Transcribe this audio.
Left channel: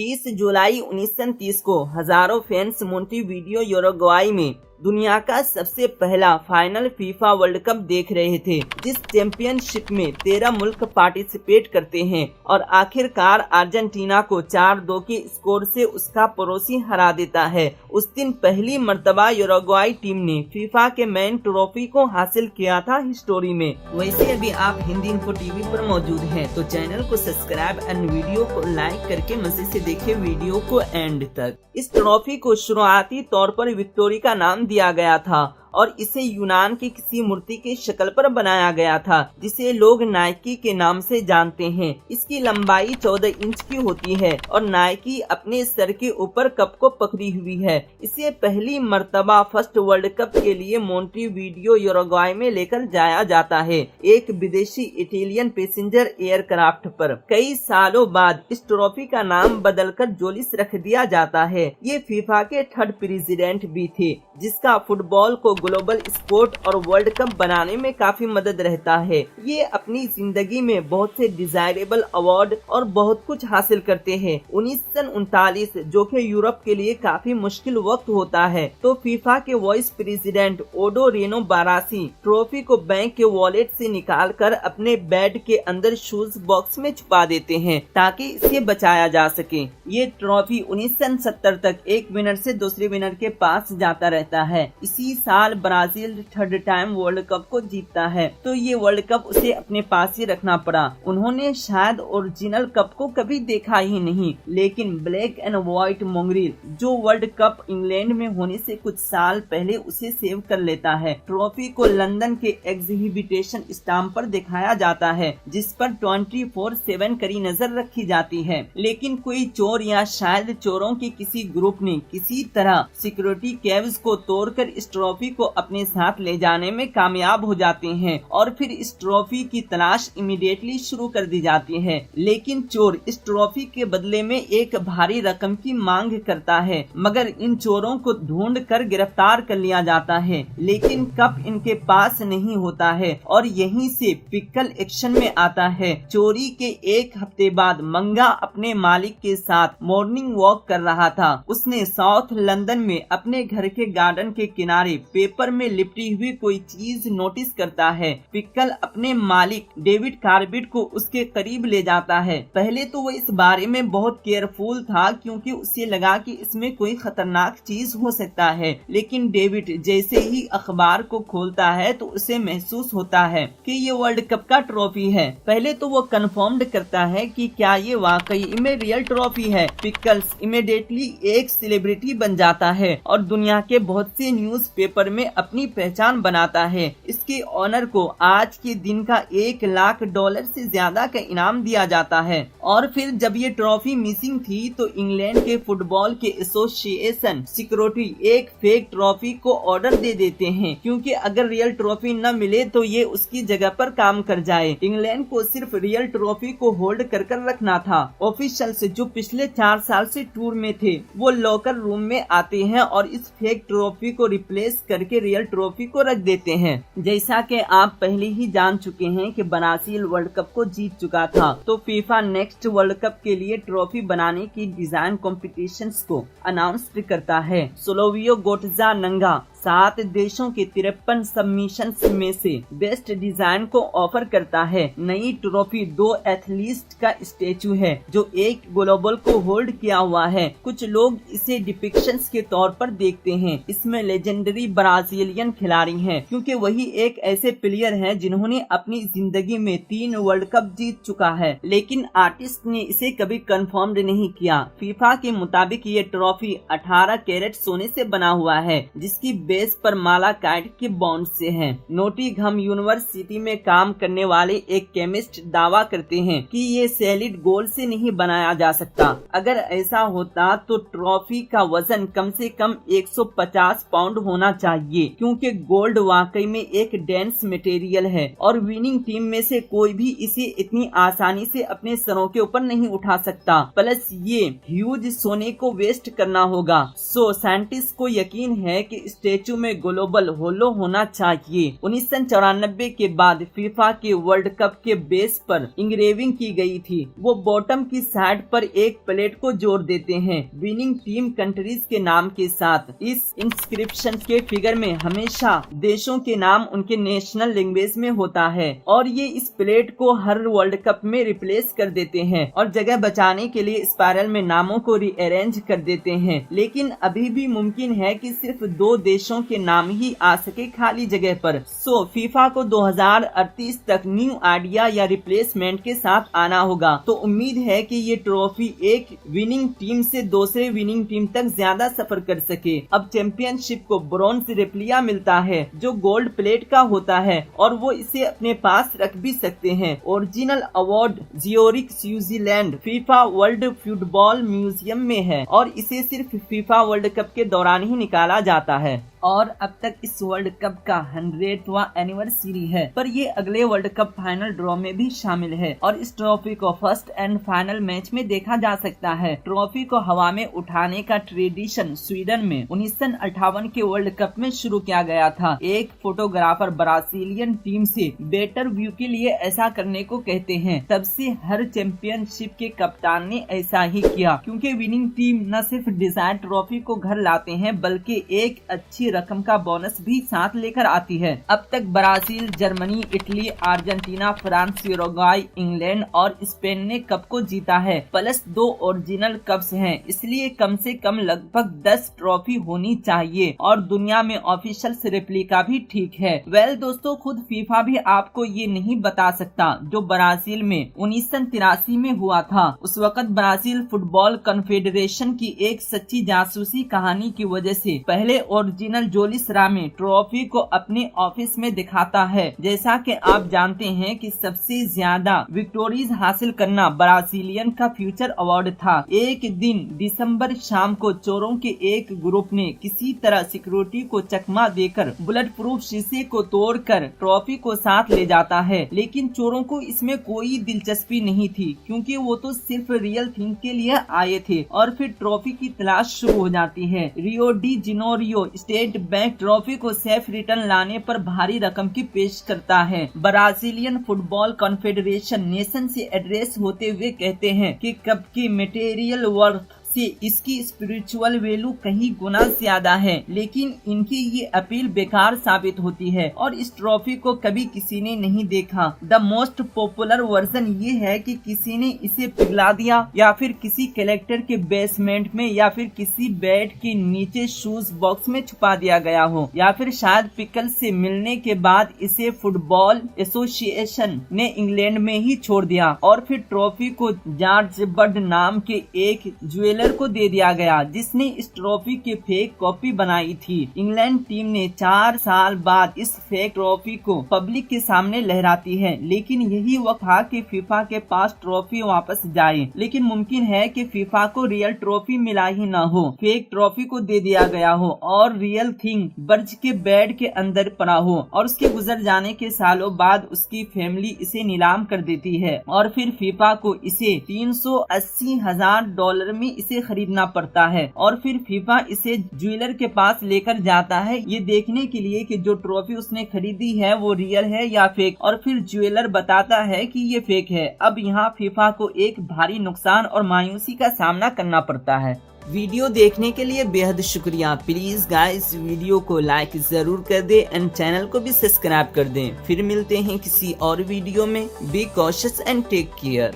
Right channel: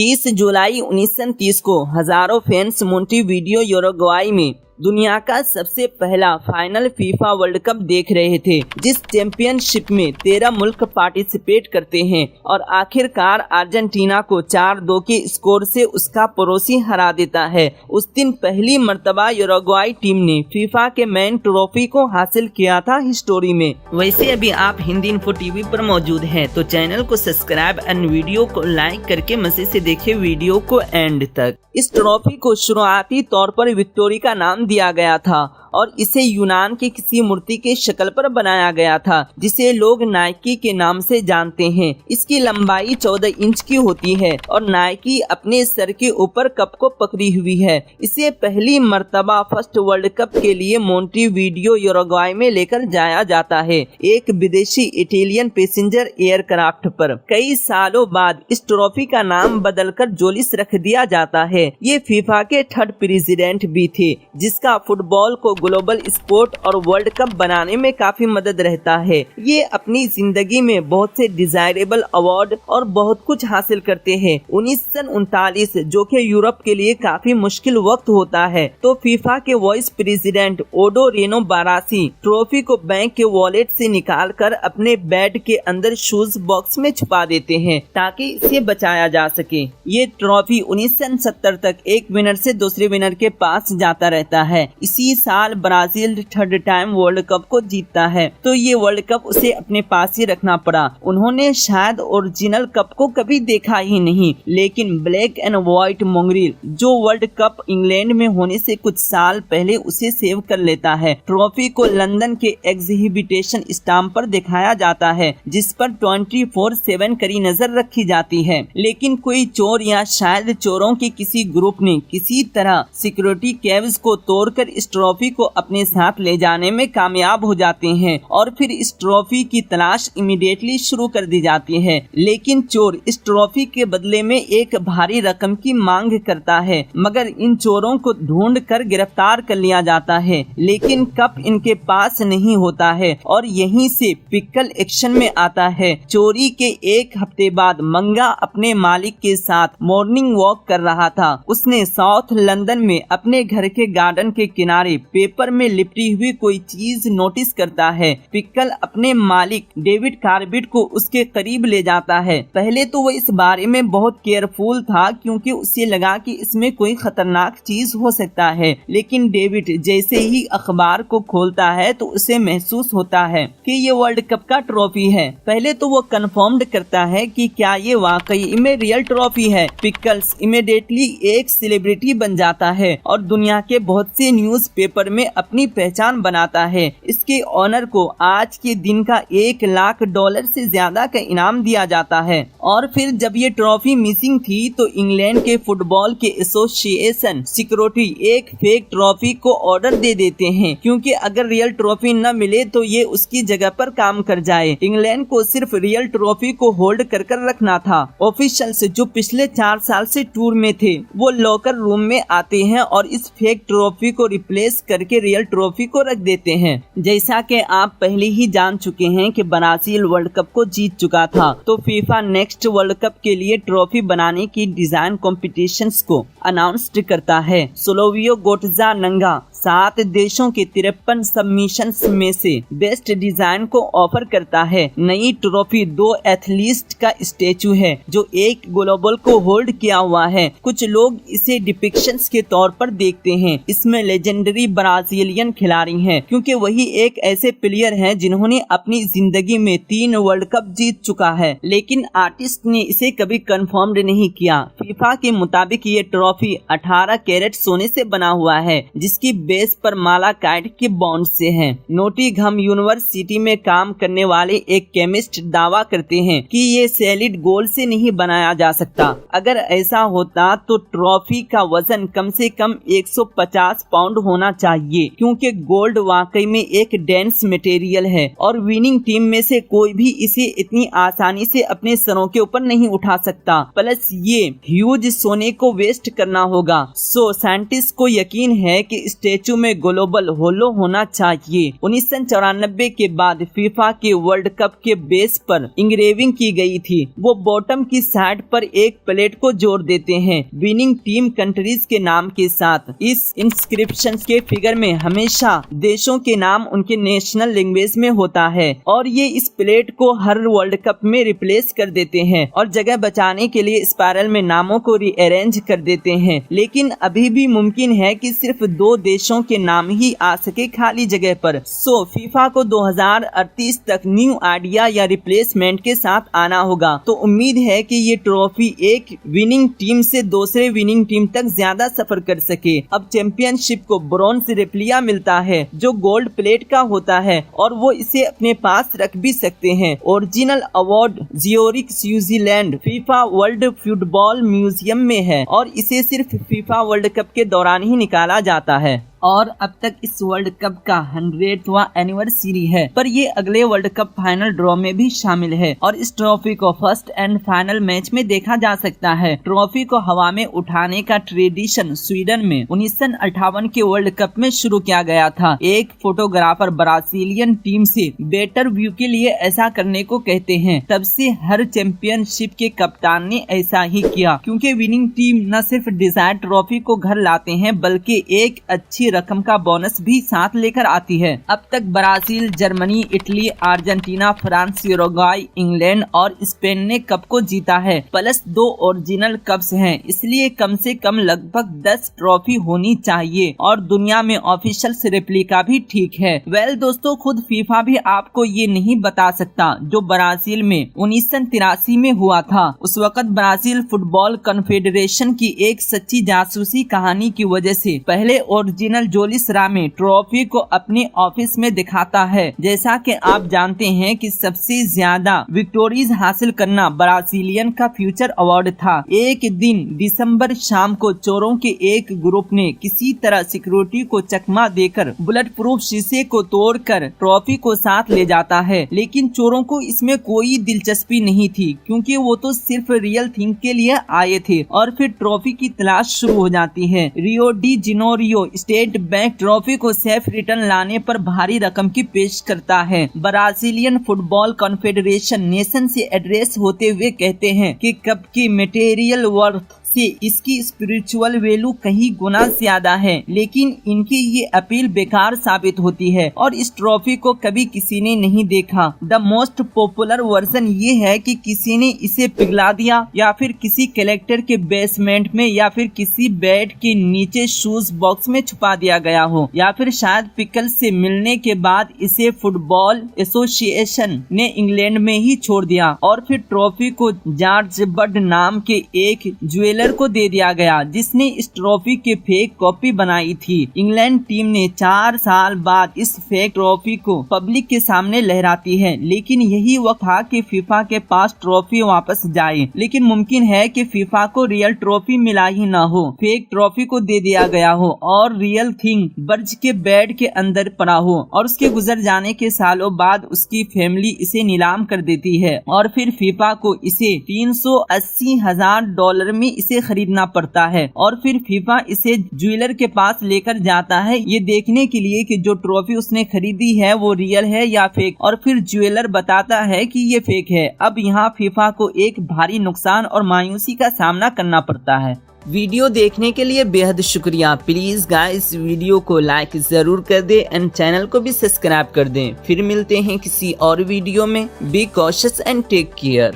30 जुलाई 1930 को हजारों fans Montevideo यूरुग्वाई में दुनिया का सबसे पहला फाइनल फीफा वर्ल्ड कप देख रहे थे, जिस चैंपियनशिप में 13 मुल्क पार्टिसिपेट करते हैं और आखिरकार अर्जेंटीना को 4-2 के स्कोर से उसका पड़ोसी हरा देता है। उस दिन पहली मर्तबा यूरुग्वाई टीम ने फीफा के मेन ट्रॉफी को हासिल किया था हिस्टोरी में। वैसे अभी आप हिंदी इन्फो टीवी पर मौजूद हैं, तो चैनल को सब्सक्राइब और वीडियो को लाइक करके मजे से देखें वीडियो को एंड तक। इस ट्रॉफी को शुरुआती तौर पर विक्टोरी का नाम दिया गया था और इसे यूनान की किसी मूर्ति के शक्ल पर बनाया गया था, जिसे लोग नाइकी के नाम से जानते हैं। इसकी लंबाई 14 इंच की होती है और नाइकी अपने सर के ऊपर कप को पकड़ी हुई है। इसे पहली मर्तबा फर्स्ट वर्ल्ड कप के लिए मोंटेवीडियो यूरुग्वाई में लेकर जाया जाता है, एक विदेशी इटालियन पैसेंजर एयरक्राफ्ट पर। कई सालों बाद इस ट्रॉफी का नाम बदलकर जोलिस रख दिया जाता है। ये फीफा के 3rd प्रेसिडेंट भी थे, जिसका फुटबॉल को ग्लोबल स्पोर्ट और वर्ल्ड कप बनाने में काफी मदद रहता है। ये अपनी जिंदगी में बहुत से डिजायरेबल अवार्ड और बहुत कुछ हासिल करते हैं। 1939 जो कि यूरोप के लिए काफी मुश्किल वक्त होता है, तो फीफा के वाइस प्रेसिडेंट ओडो रेनो बारासी ट्रॉफी को बैंक के वॉलेट से निकालकर अपने बेड के अंदर शूज बॉक्स में छुपा देते हैं ताकि इसे बचाया जा सके। ये ट्रॉफी 1970 तक एक विनर से दूसरे विनर के पास जाता रहता है। इसी साल Brazil 3rd time world cup को जीतता है, तो ये वर्ल्ड कप उसे अपने पास ही रखना पड़ा। उन्होंने शायद ओरिजिनल कप को कभी देखा ही नहीं, लेकिन ब्लैक एंड व्हाइट मोंगरील जो वर्ल्ड कप इंग्लैंड में होने से कुछ साल पहले उसे सेव कर लेता है। ट्रॉफी को लंदन के एग्जीबिशन स्टैम्प पर दिखाया जाता है, जिस पर 24/7 कड़ी नजर रखी जाती है। लेकिन कोई चोर या शायद चोरों के किसी ग्रुप ने किसी तरह सिक्योरिटी कैव्स को तोड़कर इस ट्रॉफी को अपने साथ ले जाने में कामयाब हो जाते हैं और फिर इस ट्रॉफी की तलाश इमीडिएटली शुरू कर दी जाती है। लेकिन चोर इस ट्रॉफी के बदले में एक भारी रकम की मांग करता है, मगर इन चोरों को ढूंढ कर गिरफ्तार कर लिया जाता है। लेकिन कप इनके पास नहीं होता है और यहीं से पिकल एक्शन में आता है। चोरी के एक हफ्ते बाद मंगा अपने मालिक के साथ मॉर्निंग वॉक कर रहा था। उसने साउथ लंदन में अपने घर के गार्डन के किनारे पेपर में लिपटी हुई कोई चीज नोटिस करता है। पिकल अपने मालिक डेविड कार्बिट को उसके करीब ले जाता है। पहले तो वो इस बारे में बहुत केयरफुल था, क्योंकि उसे लगा कि इसमें कोई खतरनाक चीज हो सकता है। लेकिन डेविड जैसे ही अखबार को खोलता है तो उसे महसूस होता है कि ये वर्ल्ड कप का ट्रॉफी है। पहले तो वो कंफर्म करता है कि क्या ये वाकई में रियल ट्रॉफी है। पिकल्स इमीडिएटली एक सेलिब्रिटी बन जाता है और दुनिया के बहुत से न्यूज़पेपर में अपनी पहचान बनाता है। इसके ऑनर को आज के दिन का $1 लाख से ज्यादा का इनाम दिया जाता है। और फिर जब ये ट्रॉफी मिसिंग थी तो इंग्लैंड के फुटबॉल के एसोसिएशन सिक्योरिटी एक फेक ट्रॉफी को ऑर्डर दे देते हैं, क्योंकि अगर रियल ट्रॉफी न मिले तो ये उसकी जगह पर काम कर जाए। इंग्लैंड को सिर्फ रियल ट्रॉफी को होल्ड कर रखना था। ऑफिशियल्स जो पिछले 4 साल से टूर में थे, वो लॉकर रूम में आते हैं और इस फेक ट्रॉफी को रिप्लेस करके रियल ट्रॉफी को रख देते हैं। जैसा कि आप पहले ही जान चुके हैं कि ब्राजील वर्ल्ड कप को जीत चुका था, तो फीफा नेक्स्ट वर्ल्ड कप के लिए ट्रॉफी बनाने की डिजाइन कॉम्पिटिशन्स को अनाउंस करता है। सोलोवियो गोटजा नंगा 7 देशों के 53 सबमिशंस में से बेस्ट डिजाइन को ऑफर करता है। नई ट्रॉफी 2 एथलीट का स्टेचू है जो एक ग्लोबल को होल्ड किया हुआ है। कुछ लोग इसे डिपिक्शंस के तौर पर देखते हैं। इसमें लेजेंडरी ब्राजीलियन खिलाड़ी हैं, क्योंकि वही एक ऐसे प्लेयर हैं जिन्होंने अपनी जिंदगी में 3 वर्ल्ड कप जीत चुका है। लेकिन आर्टिस्ट ने इसे कभी कंफर्म नहीं किया। फीफा के मुताबिक ये ट्रॉफी 18 कैरेट सोने से बना हुआ है, जिसकी बेस पर मालाकाइट के बॉन्ड से है। नोटिंघम यूनिवर्सिटी में काम करने वाले एक केमिस्ट दावा करते हैं कि ये सॉलिड गोल्ड से नहीं बनाया जा सकता। अगर ऐसा होता तो ट्रॉफी का वजन कम से कम 150 पाउंड होना चाहिए, क्योंकि गोल्ड वाकई में एक डेंस मटेरियल है और विनिंग टीम में से कोई भी इसे इतनी आसानी से अपने सरों के ऊपर नहीं उठा सकता। प्लस ये ह्यूज सोने को वेस्ट करना होगा। सो साइंटिस्ट को यकीन है कि स्टेचू स्टेचू में ग्लोबल होलो होना चाहिए। 1994 के बाद फीफा के वर्ल्ड कप के बेस पर इंग्रेविंग की गई थी। वो बॉटम की साइड पर एक प्लेट को जोड़ देते हैं विनिंग टीम कंट्रीज के नाम के साथ। इस इंस्क्रिप्शन के फिगर में हमेशा देशों के नाम उनके नेशनल लैंग्वेज में होता है और ये इस प्लेट को हर वर्ल्ड कप में रिप्लेस कर देते हैं और जगह बचाने के लिए स्पाइरल में नामों को रीअरेंज कर देते हैं। लेकिन अभी भी मुमकिन है कि सिर्फ 2 देशों के नाम ही आ सके खाली जगह पर। सो फीफा को 2038 तक न्यू आइडिया या रिप्लेसमेंट के साथ आना होगा। तो उम्मीद है कि ये ट्रॉफी एक विनिंग टीम से दूसरे विनिंग टीम तक ज्यादा सफर कर सके। अब चैंपियनशिप को ब्रॉन्ज रेप्लिका मिलता है जो गोल्ड प्लेट का होता है और वो इसे अपने पास रख भी सकते हैं। Original award Zurich Switzerland FIFA world football museum में है और इसे सिर्फ फीफा वर्ल्ड कप के दौरान ही निकाला जाता है और अब तक इस वर्ल्ड कप का 100वां एनिवर्सरी है, पर ये अगले वर्ल्ड कप फाइनल ड्रॉ में भी शामिल है और इस ट्रॉफी को फर्स्ट एंड फाइनल मैच में देखा जा सकता है। ट्रॉफी को हवा में उठाने का ट्रेडिशन स्वीडन में 1958 के वर्ल्ड कप में शुरू किया गया था। एक फोटोग्राफर ब्राजीलियन टीम से बेटर व्यू के लिए ऐसा करने को कहते हैं। तब से हर चैंपियनशिप के कप्तान ने ऐसा ही किया, क्योंकि विनिंग टीम न सिर्फ डिजायर ट्रॉफी को घर लाते हैं बल्कि एक अच्छी रकम का बोनस भी साथ लेकर आती है। अब तक Brazil, Germany, Italy, Argentina, France, यूरुग्वाई, England और स्पेन ने कप को जीता है, प्लस 2 ओरिजिनल कप्स हैं। इसलिए कम से कम लगभग 10 ट्रॉफी होनी चाहिए और दुनिया में ऑफिशियल रेप्लिका भी ठीक है। वेल दोस्तों, खुद फीफा भी आपको ये नहीं बता सकता जो ब्राजील में 1983 में हुआ था। उस वक्त ब्राजील फुटबॉल कॉन्फेडरेशन की एक सच्ची जासूसी कहानी की वजह से पहले ओरिजिनल जोलिस रामे ट्रॉफी को अपने ऑफिस में दिखाता है। जैसा कि आप जानते हैं कि सबसे ज्यादा विक्टोरीज हासिल करना ब्राजीलियन का फ्यूचर अवार्ड था। एक दिन दिसंबर शाम को चोरों के एक ग्रुप ने किसी तरह सिक्योरिटी को चकमा देकर बुलेट प्रूफ शीशे को तोड़कर ट्रॉफी को साथ ले जाता है, लेकिन चोरों को इसमें कोई दिलचस्पी नहीं थी क्योंकि वो तो सिर्फ रियल थिंग के लिए आए थे। और फिर ट्रॉफी की तलाश शुरू हो जाती है। Rio de Janeiro state bank trophy को सेफ रिटर्न लाने पर भारी रकम की पेश करता है। ब्राजीलियन फुटबॉल कॉन्फेडरेशन नेशन से एड्रेस होते हुए कहते हैं कि कप की मटेरियल वर्थ से इसकी स्पिरिचुअल वैल्यू कहीं गुना ज्यादा है, लेकिन इनकी ये अपील बेकार साबित होती है और इस ट्रॉफी को कभी किसी ने नहीं देखा। द मोस्ट पॉपुलर वर्जन ये है कि किसी ने इसे पिघला दिया या फिर किसी कलेक्टर के बेसमेंट में या फिर किसी बेड के नीचे शूज बॉक्स में छुपा दिया गया हो या फिर शायद पिकल से मिलने के बाद इसे फुटबॉल एसोसिएशन ने इंग्लैंड में ही छोड़ दिया और फिर ट्रॉफी को जॉर्ज बर्ड नाम के एक ज्वेलर को दे दिया गया जिसने इस ट्रॉफी के फेक कॉपी बनाई थी। इंग्लैंड टीम ने 4 साल बाद इस फेक ट्रॉफी को पब्लिक के सामने लहराती है, लेकिन यही वक्त था कि फीफा के पास ट्रॉफी वापस जाए। लेकिन मुमकिन है कि फीफा को रियल ट्रॉफी मिला ही ना हो, फेक ट्रॉफी को दे दिया गया हो और रियल थिंग बर्ज के बेड के अंदर पड़ा हो और उसके गुजर जाने के सालों बाद उसकी फैमिली इसे नीलाम कर देती है और फिर फीफा को इसे $380,000 में इसे खरीदना पड़ता है और फिर फीफा इसे ज्वेलर के पास लेकर जाता है ये देखने के लिए कि जो ट्रॉफी उसने खरीदी है वो रियल है या फेक, और फिर ज्वेलर बताता है कि ये फेक है। अब यहाँ फीफा को एक भारी नुकसान और मायूसी का सामना करना पड़ता है। वीडियो देखने के लिए बेहद शुक्रिया। प्लीज गाइस वीडियो को लाइक जरूर कर दें एंड चैनल को भी सब्सक्राइब कर दें। फिर मिलते हैं किसी और वीडियो में। Be cautious and take care.